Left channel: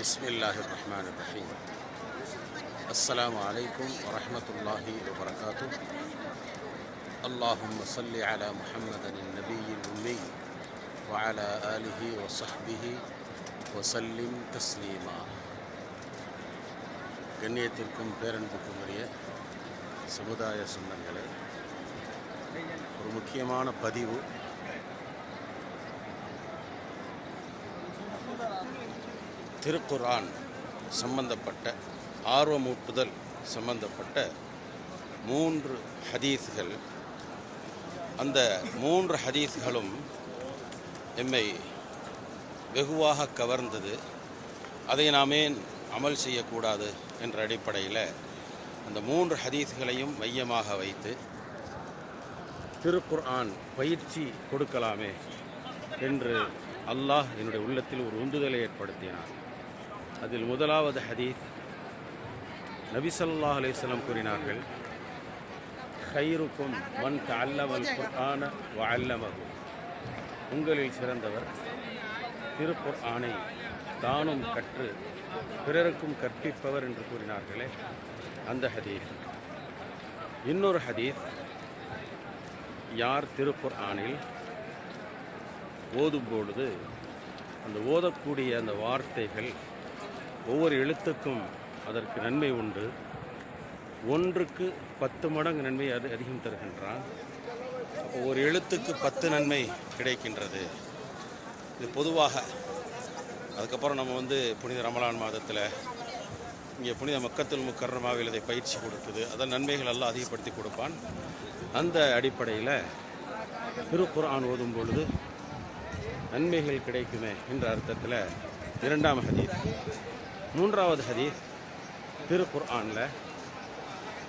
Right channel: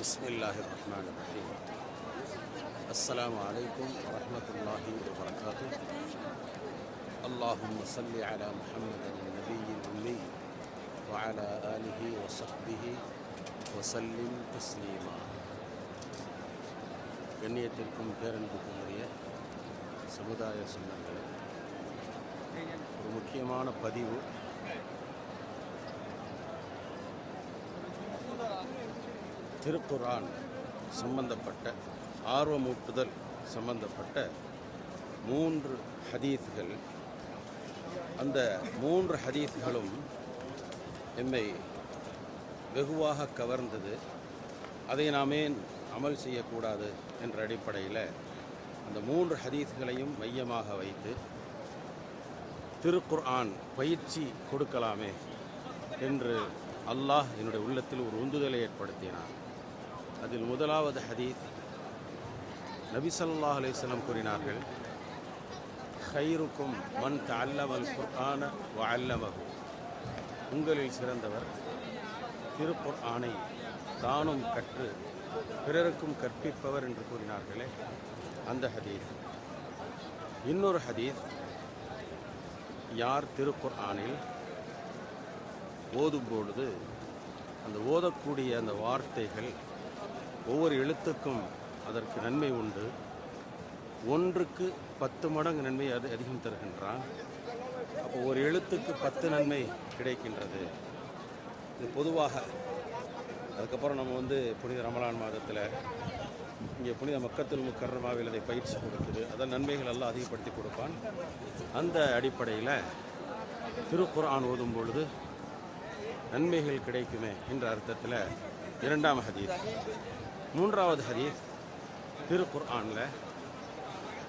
Bismillahirrahmanirrahim. Assalamu alaikum wa rahmatullahi wa barakatuh. Allahumma salli ala Muhammadin al-Nabiyyil Ummi wa ala alihi wa sahbihi wa sallim taslima. கண்ணியத்திற்கும் பேரன்புக்கும் உரிய சமுதாய சொந்தங்களே, ஒரு முக்கியமான பதிவு. திருக்குர்ஆன் சம்பந்தப்பட்ட ஆர்வமூட்டுதல் சம்பந்தப்பட்ட 3 ஹதீஸ்கள். அந்த 3 ஹதீஸ்களும் எம்மை வெகுவாக கவர்ந்தது. அதை நாமே அமல் செய்யக்கூடாது என்ற அடிப்படையில் அந்த 3 ஹதீஸ்களையும் மையமாக வைத்து திருக்குர்ஆன் பயிற்சி கொடுக்கலாமே என்று அல்லாஹ் என்னுடைய உள்ளத்தில் ஒரு உந்துதலை ஏற்படுத்தினார். அதில் முதலாவது ஹதீஸ், நபி ஸல்லல்லாஹு அலைஹி வஸல்லம் கூறினார்கள், ஹைருக்கும் மன் தஅல்லமல் குர்ஆன வ அல்லமஹு. உங்களில் சிறந்தவர் திருக்குர்ஆனை தானும் கற்று பிறருக்கும் கற்பிப்பவர் என்று கூறினார்களே, அந்த ஹதீஸ். இன்னொரு ஹதீஸ், யார் திருக்குர்ஆனில் ஓதும் பொழுது அந்த ஓதக்கூடிய அந்த வார்த்தைகள் ஒவ்வொரு எழுத்துக்கும் அதற்கு நன்மை உண்டு, 1க்கு 10 மடங்கு நன்மை அதிகம் தருகின்றான். ஒரு எழுத்துக்கு 10 நன்மை கிடைக்கின்றது. இது பொதுவாக. அதுக்கப்புறம் நம்ம புனித ரமலான் மாதத்தில் இங்கே புனித மக்கத்துல் முக்கர்ரமாவில் இதை பயிற்சி கொடுக்குது. அதன் நன்மைகள் எல்லாம் அதிகப்படுத்தி கொடுப்பான். அந்த அடிப்படையில் திருக்குர்ஆன் ஓதும் பொழுது நன்மைகள் கிடைக்குமே என்ற அர்த்தத்தில் 2ஆம் ஹதீஸ். 3ஆவது ஹதீஸ், திருக்குர்ஆனில்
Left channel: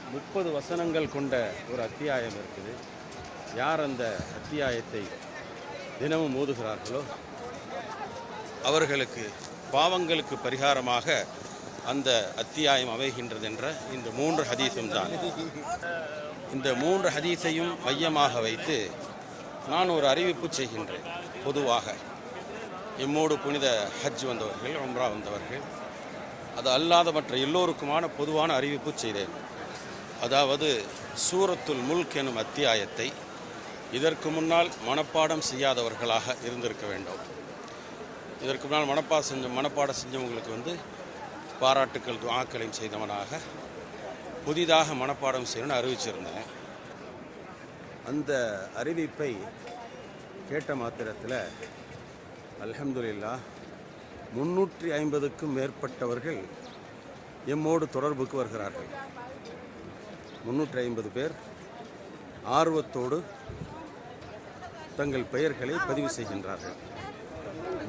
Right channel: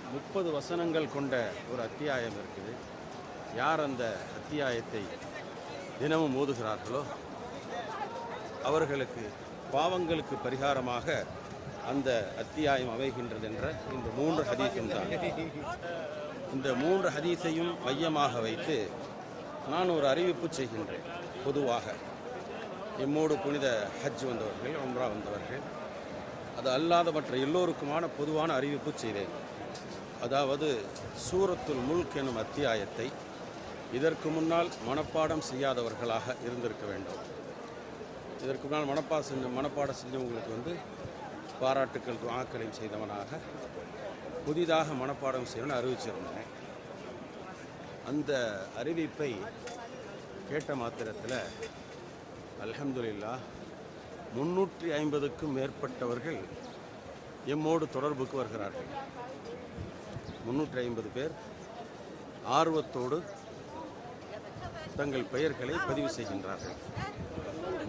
30 வசனங்கள் கொண்ட ஒரு அத்தியாயம் இருக்குது. யார் அந்த அத்தியாயத்தை தினமும் ஓதுகிறார்களோ அவர்களுக்கு பாவங்களுக்கு பரிகாரமாக அந்த அத்தியாயம் அமைகின்றது என்ற இந்த 3 ஹதீஸும் தான். இந்த 3 ஹதீஸையும் மையமாக வைத்து நான் ஒரு அறிவிப்பு செய்கின்றேன். பொதுவாக எம்மோடு புனித ஹஜ் வந்தவர்கள், உம்ரா வந்தவர்கள், அது அல்லாத மற்ற எல்லோருக்குமான பொதுவான அறிவிப்பு செய்தேன். அதாவது சூரத்துல் முல்க் எனும் அத்தியாயத்தை இதற்கு முன்னால் மனப்பாடம் செய்யாதவர்களாக இருந்திருக்க வேண்டும். இதற்கு முன்னால் மனப்பாடம் செஞ்சவங்களுக்கு பாராட்டுக்கள் துஆக்களையும் செய்தவனாக புதிதாக மனப்பாடம் செய்யணும்னு அறிவிச்சிருந்தேன். அந்த அறிவிப்பை கேட்ட மாத்திரத்தில் அல்ஹம்துலில்லாஹ் 350க்கும் மேற்பட்டவர்கள் எம்மோடு தொடர்புக்கு வருகிறார்கள். 350 பேர் ஆர்வத்தோடு தங்கள் பெயர்களை பதிவு செய்கின்றார்கள்.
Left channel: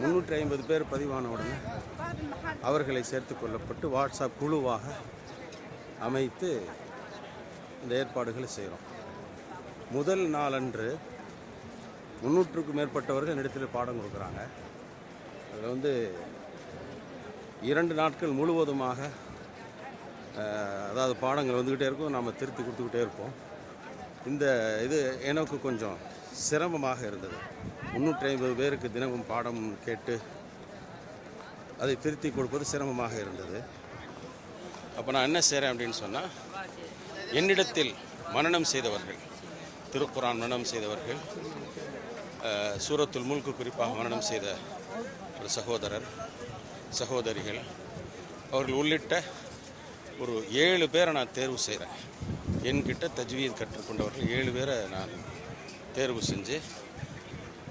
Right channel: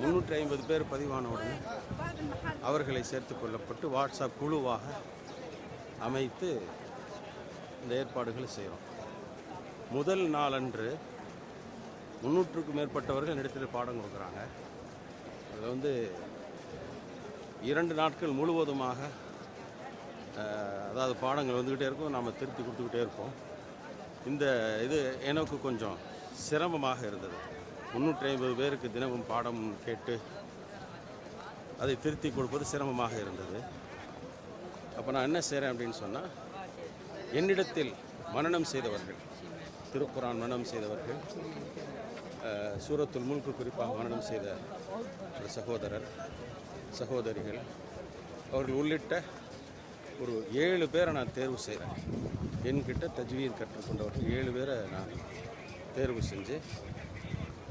350 பேர் பதிவானவுடன் அவர்களை சேர்த்து கொள்ளப்பட்டு வாட்ஸ்அப் குழுவாக அமைத்து இந்த ஏற்பாடுகளை செய்கிறோம். முதல் நாளன்று 300க்கும் மேற்பட்டவர்கள் இடத்தில் பாடம் கொடுக்குறாங்க. அதில் 2 நாட்கள் முழுவதுமாக அதாவது பாடங்கள் வந்துக்கிட்டே இருக்கும், நாம் திருத்தி கொடுத்துக்கிட்டே இருப்போம். இந்த இது எனக்கு கொஞ்சம் சிரமமாக இருந்தது. 350 பேருக்கு தினமும் பாடம் கேட்டு அதை திருத்தி கொடுப்பது சிரமமாக இருந்தது. அப்போ நான் என்ன செய்கிறேன் அப்படின்னு சொன்னால், என்னிடத்தில் மனனம் செய்தவர்கள், திருக்குர்ஆன் மனனம் செய்தவர்கள், சூரத்துல் முல்க் குறிப்பாக மனனம் செய்த ஒரு சகோதரர் சகோதரிகள், அவர்கள் உள்ளிட்ட ஒரு 7 பேரை நான் தேர்வு செய்கிறேன். என்கிட்ட தஜ்வீத் கற்றுக்கொண்டவர்கள் 7 பேரை நான் தேர்வு செஞ்சு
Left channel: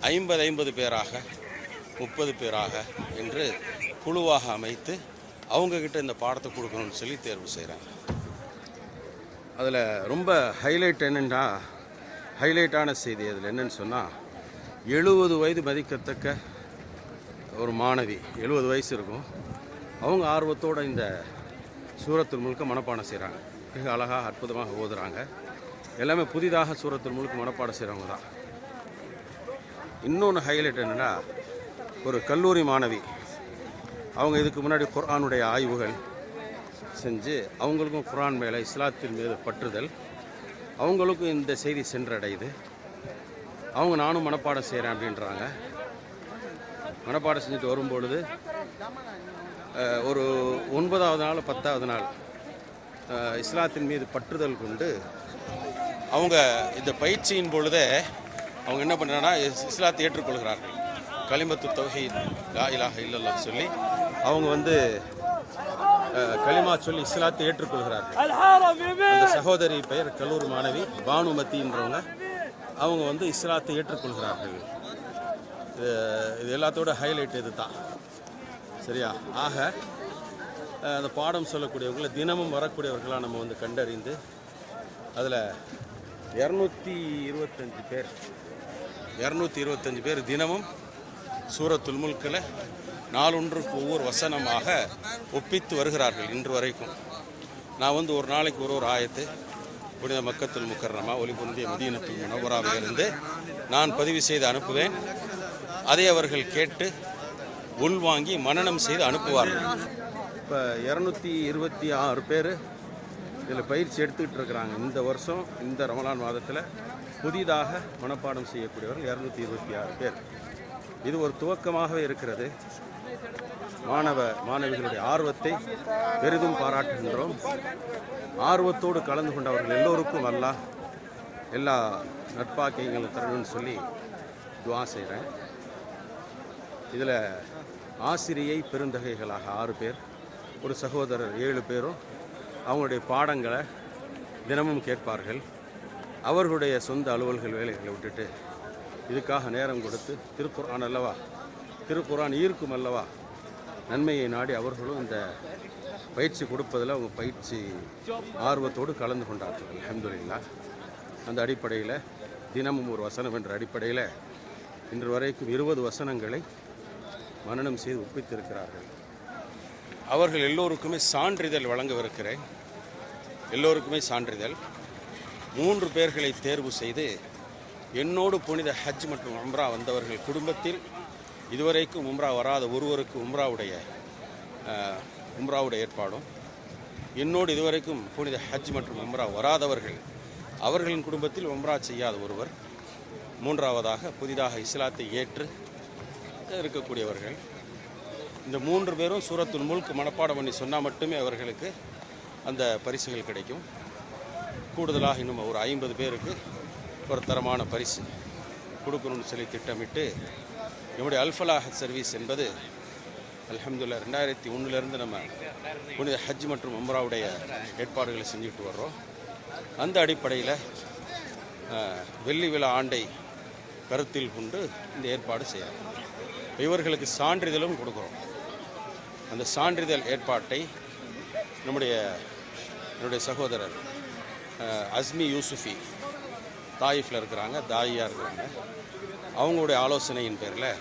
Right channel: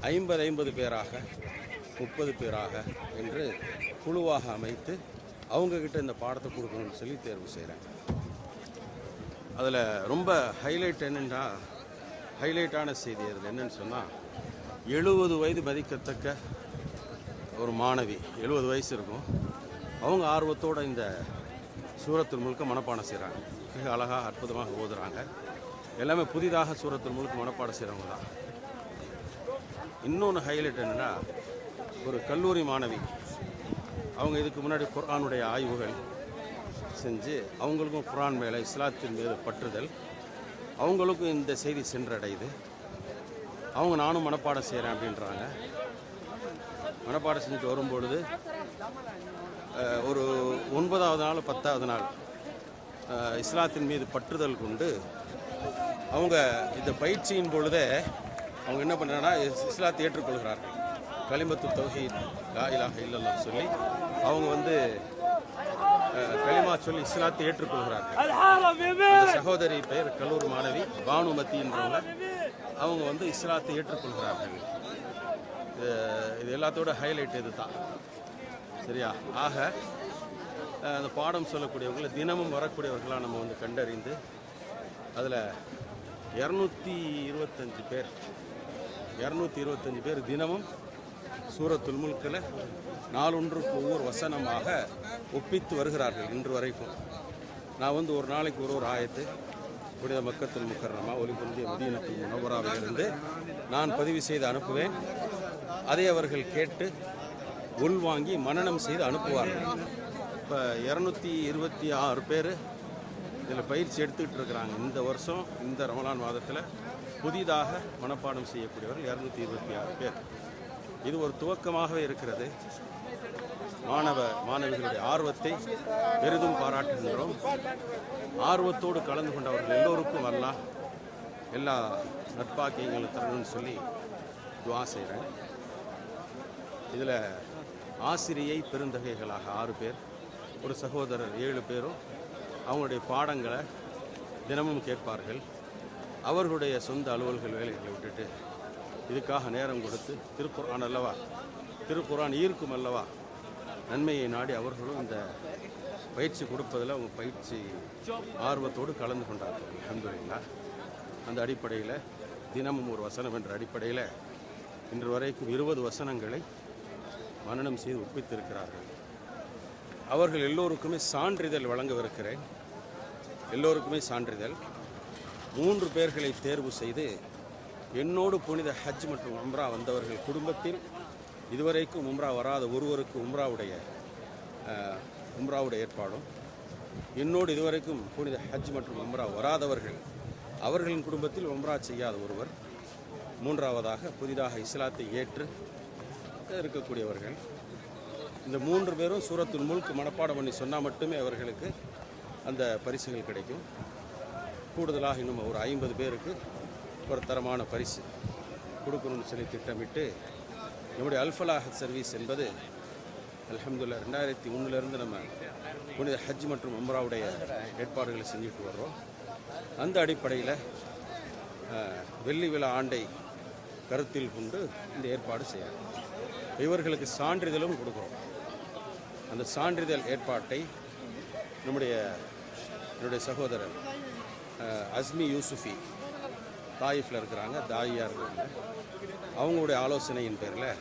50 பேராக 30 பேராக என்று குழுவாக அமைத்து அவங்கக்கிட்ட இந்த பாடத்தை கொடுக்கணும்னு சொல்லி தேர்வு செய்கிறேன். அதில் ரொம்ப ஹைலைட்டான செய்தி அதில் என்னன்னு சொன்னால், 70 வயது மதிக்கத்தக்க ஒரு மாணவி, 70 வயசு இருக்கும், அவங்க ஆர்வத்தோடு இந்த சூரத்துல் முல்க மனப்பாடம் செய்கிறாங்க. மிக அழகாக அற்புதமாக ஓதுறாங்க. எல்லாமே புதிதாக சூரத்துல் முல்க மனப்பாடம் செய்கிறவங்க தான். இன்னொன்று ஹைலைட் என்னென்னா, ஒரு கல்லூரி மாணவி, அவங்க இதுக்கு முன்னாடி குர்ஆனுடைய ஆய்வுகள் செஞ்சு அவங்களுக்கும் குர்ஆன் மேலே இஸ்லாத்தின் மீது பற்றுதல், அவங்களுக்கும் இந்த செய்தி சென்றடையுது. அவங்க நானும் மனப்பாடம் செய்கிறேன் அப்படின்றாங்க. மனப்பாடம் செஞ்சுட்டு வரும்பொழுது ஒரு 9வது நாள் 10வது நாள் இஸ்லாத்தின் மீது பற்றுதல் கொண்டு அவங்க இந்த பயிற்சியின் பொழுதே அவங்க என்ன பண்ணுறாங்கன்னா இஸ்லாத்தை ஏற்றுக்கொள்கிறார்கள். கலிமத்து தௌஹீத் லா இலாஹ இல்லல்லாஹ் சொல்லி அவங்க வந்து களிமா சொல்லி இஸ்லாத்தை ஏற்றுக்கொள்கிறார்கள். அந்த சகோதரி பெயர் கல்லூர் மாணவி பானுமதின்றவங்க. அவங்க வந்து இஸ்லாத்தை ஏற்றுக்கொள்கிறார்கள். இது எல்லாத்தோட ஹைலைட் இது தான். சரியா? ஆக அந்த பாடம் சொல்லக்கூடியவங்களை தினமும் வரக்கூடியவர்களாக நம்ம வந்து கண்டறிந்து அதில் 225 பேர் தினமும் சூரத்துல் முல்கில் நாளொன்றுக்கு ஒவ்வொரு வசனமாக ஒப்பித்து வருகிறார்கள் இன்று வரைக்கும். நான் வந்து ஒரு நாளைக்கு ஒரு ஆயத்து புனித மக்கத்துல் முக்கர்ரமா ஒலிபுரிந்திய மதீனத்துல் முனவ்வராவிலிருந்து நான் பதிவு செய்து அனுப்புவேன். அதை அவர்கள் கேட்டு உள்வாங்கி மனனம் செய்து அனுப்புவார்கள். இப்போ 226 பேர் இதில் பயிற்சி எடுத்துக்கிட்டு இருக்கிறாங்க. இந்த வருஷம் இந்த ரமலான் மாதத்தில் புதிதாக மனப்பாடம் செய்யக்கூடியவர்கள் 226 பேர். இது ஒரு துவக்கமாகவே இருக்கிறது. மாணவிகளுடைய ஆர்வத்தை பெரிதும் பாராட்டுகின்றோம். ஆர்வத்தோடு கலந்து கொண்டவர்கள் எல்லோருக்கும் அல்லாஹ் எல்லா நட்பாக்கியங்களும் தரணும்னு சொல்லி துவா செய்கிறேன். இதில் ஆசிரியை பெருந்தகைகளாக 6 பேர், ஒரு சகோதரர் 7 பேரும் அவங்களுடைய பாடங்களை தினமும் கேட்பார்கள். அவர்களுடைய சொந்த அலுவல்கள் வேலைகளை விட்டுட்டு இதுக்காக நேரம் கொடுத்து திருக்குர்ஆன் அல்லவா, திருக்குர்ஆன் ஈர்க்கும் அல்லவா, நன்மையை நாடி அவர்களும் இந்த பயிற்சி கொடுப்பதில் அவங்க பயிற்சி ஆர்வத்தோடு கலந்து கொண்டார்கள். அல்ஹம்துலில்லாஹ். அந்த அடிப்படையில் தினமும் ஒரு வசனம் என்ற அடிப்படையில் இன்று வரைக்கும் 20 வசனங்களை மனனம் செய்து ஒப்பித்திருக்கிறார்கள். அவர்கள் எல்லோருக்குமே சான்றிதழ் வழங்கவிருக்கிறேன். எல்லோருக்குமே சான்றிதழ். 3 பேர்களை தேர்வு செய்து என்னோடு புனித ஹஜ் மற்றும் உம்ரா வந்தவர்கள் குடும்பத்தில் இதுவரைக்கும் உம்ரா வராத ஒருவருக்கு உம்ராவுடைய ஏற்பாடும், என்னோடு இதுவரைக்கும் புனித ஹஜ் மற்றும் உம்ரா வராதவர்கள் அவர்களின் குடும்பத்தில் உம்ரா செய்யாத ஒருவர், 3வதாக புதிதாக இஸ்லாத்தை ஏற்று இருக்கக்கூடியவர்கள். இந்த 3 பேரும் சூரத்துல் முல்க் மனப்பாடம் பண்ணி சொன்னால் மட்டுமே அவர்களுக்கு அந்த பரிசுகள் கிடைக்கும். கூடுதலாக இன்னும் ஒரு 50 பேருக்கு ஒரு தரமான பரிசு கொடுக்கணும்னு சொல்லி திட்டமிட்டு நம்முடைய அல்ஃபலாஹ் சர்வீஸ் என்பது அல்ஹம்துலில்லாஹ் 2001 நம்ம புனித ஹஜ் மற்றும் உம்ராவுடைய ஏற்பாடுகளை செஞ்சுட்டு வர்றோம். அந்த அடிப்படையில் வெள்ளி விழா ஆண்டை கருத்தில் கொண்டு இந்த ஏற்பாடு செய்யறோம். இவர்களுக்கு சான்றிதழும் கொடுக்குறோம். அந்த சான்றிதழ் ஏற்பாட்டை என்னுடைய சகோதரர் அஸ்மி யூசுஃபி தாயிஃபில் இருக்கிறாங்க, தாயியாக இருக்கிறாங்க. அவங்களுடைய ஆலோசனையின் பேரில்